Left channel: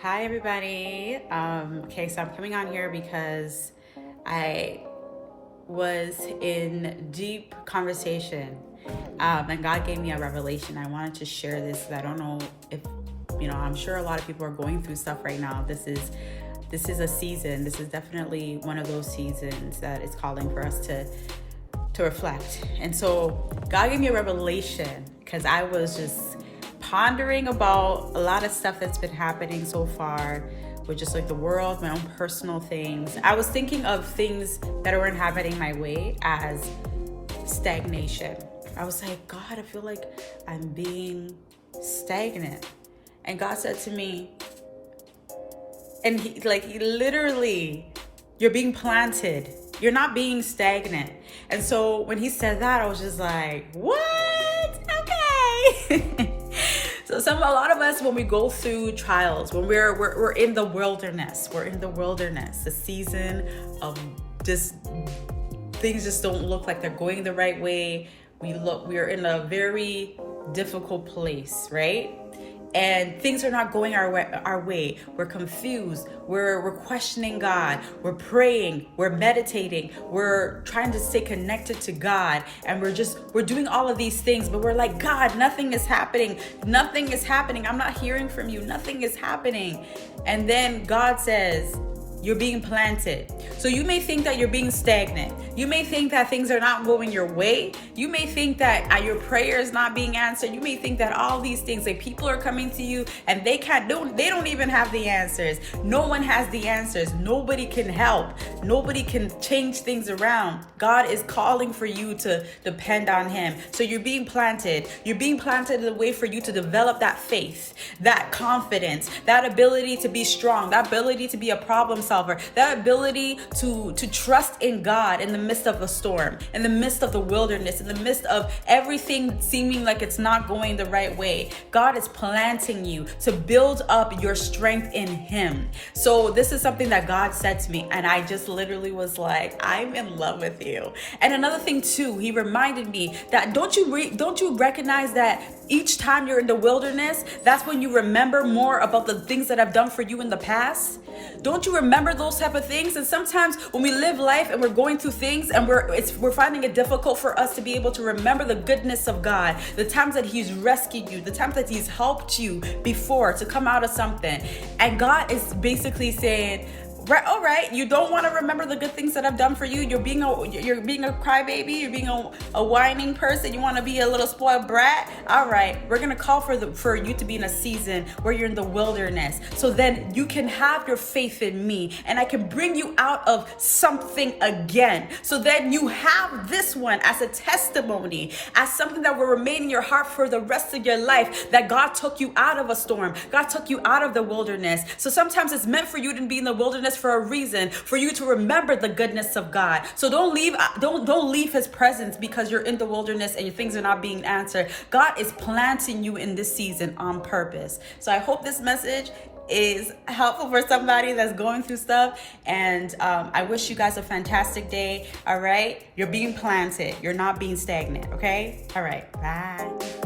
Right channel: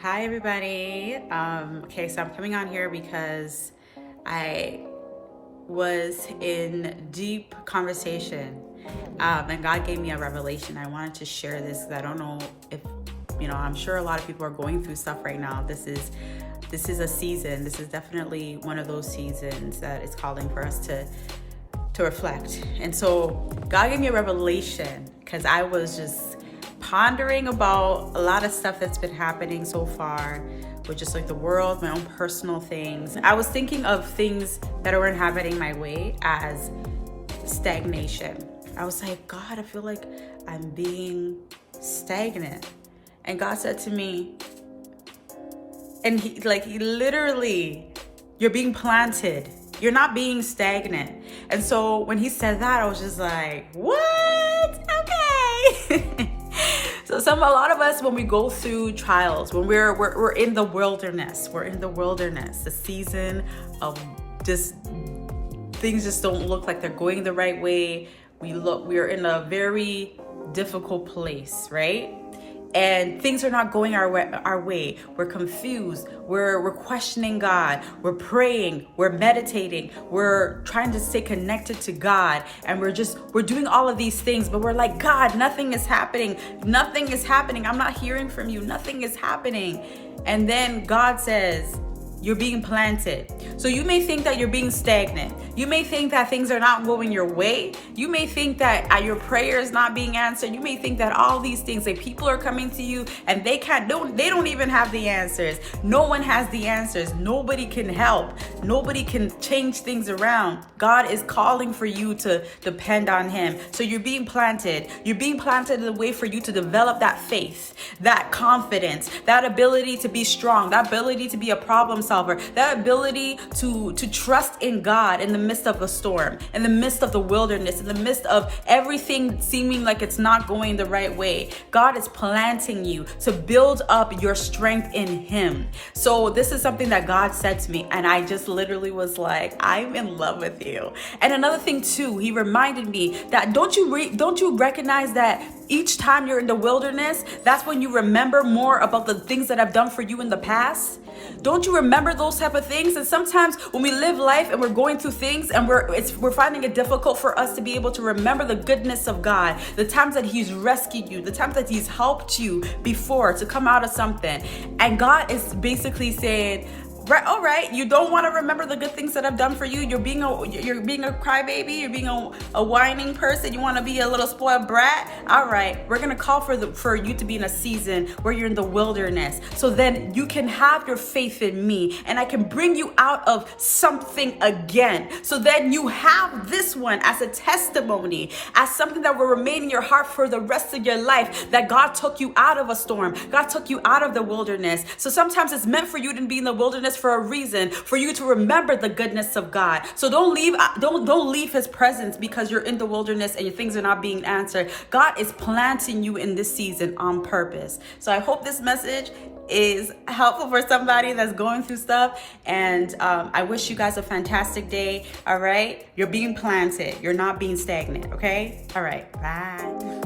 Hi, everybody. Okay, so I'm coming on here because I was in deep conversation, and God gave me a revelation. I wanted to share this because I don't know if, I'm sure a lot of people are going through stuff right now. This is a season. This is definitely one of those seasons that is calling for us to reflect. And so God gave me a revelation because I was just pondering about a lot of stuff that's been happening so far with just like the world, my own personal things. I was thinking of things that weren't happening my way as stagnation. I was like, God, I feel like I'm being stagnant. And God said to me, and he literally, you're being planted. You're not being stagnant. And so when he said that, I was just like, what? Okay. So a lot of us, when we go through trials, when we're in the wilderness, the season of just things just don't look like they're going the right way. We're in a very difficult place, right? And things are not going our way. We're confused. We're questioning God. We're praying. We're meditating. We're trying to stay connected to God. And we're doing all of these things, but we're like, God, nothing is happening. Nothing is happening. I'm not hearing from you. Nothing is happening. And then God says, you're being planted. So you may think that you're being stagnant. You may think that things are not going your way. You may think that your prayer is not being answered. You may think that all these things, that people are coming to you and they don't even have the answers. No one has the answers. Nobody can help. Nobody can change things around. God is calling for you to depend on him. So you're being planted. You're being planted in a way for you to develop that faith, that confidence, that ability to be strong, that ability to be a problem solver, that ability to trust in God in the midst of a storm, in the midst of the wilderness, in the midst of everything seeming like it's not going the right way. God is planting you to build up your strength in him. So this is something that God said to me, and I just literally was like, I'm in love with you. And another thing too, he reminded me that don't you recognize that each time you're in the wilderness, that's when you remember more about the things that I've done for you in the past? Don't you remember those type of things? And sometimes when we live life and we're going through things and we're finding it difficult for us to be able to remember the goodness of God, the times that he's rescued you, the times that he's helped you before to come out of something. And God is basically saying, all right, you don't want to remember the good things that I've done for you. You're being a crybaby. You're being a whining person. You want to be a little spoiled brat. All right, we're gonna call for you to be in a season where you're in the wilderness, so then you can have your faith in me, and I can bring you out of something again. So then you have this one as a testimony, as something that will remain in your heart for the rest of your life. That God took you out of a storm. God took you out of the wilderness. So sometimes it's meant for you to be in the wilderness for a reason, for you to remember the goodness of God. So don't leave his presence because you're in the wilderness and your things are not being answered. God is planting you in this season on purpose. So I hope this message is helpful for somebody that's going through stuff. And I wish you guys a fantastic day. All right. You're being planted. You're not being stagnant. Okay. All right. Bye.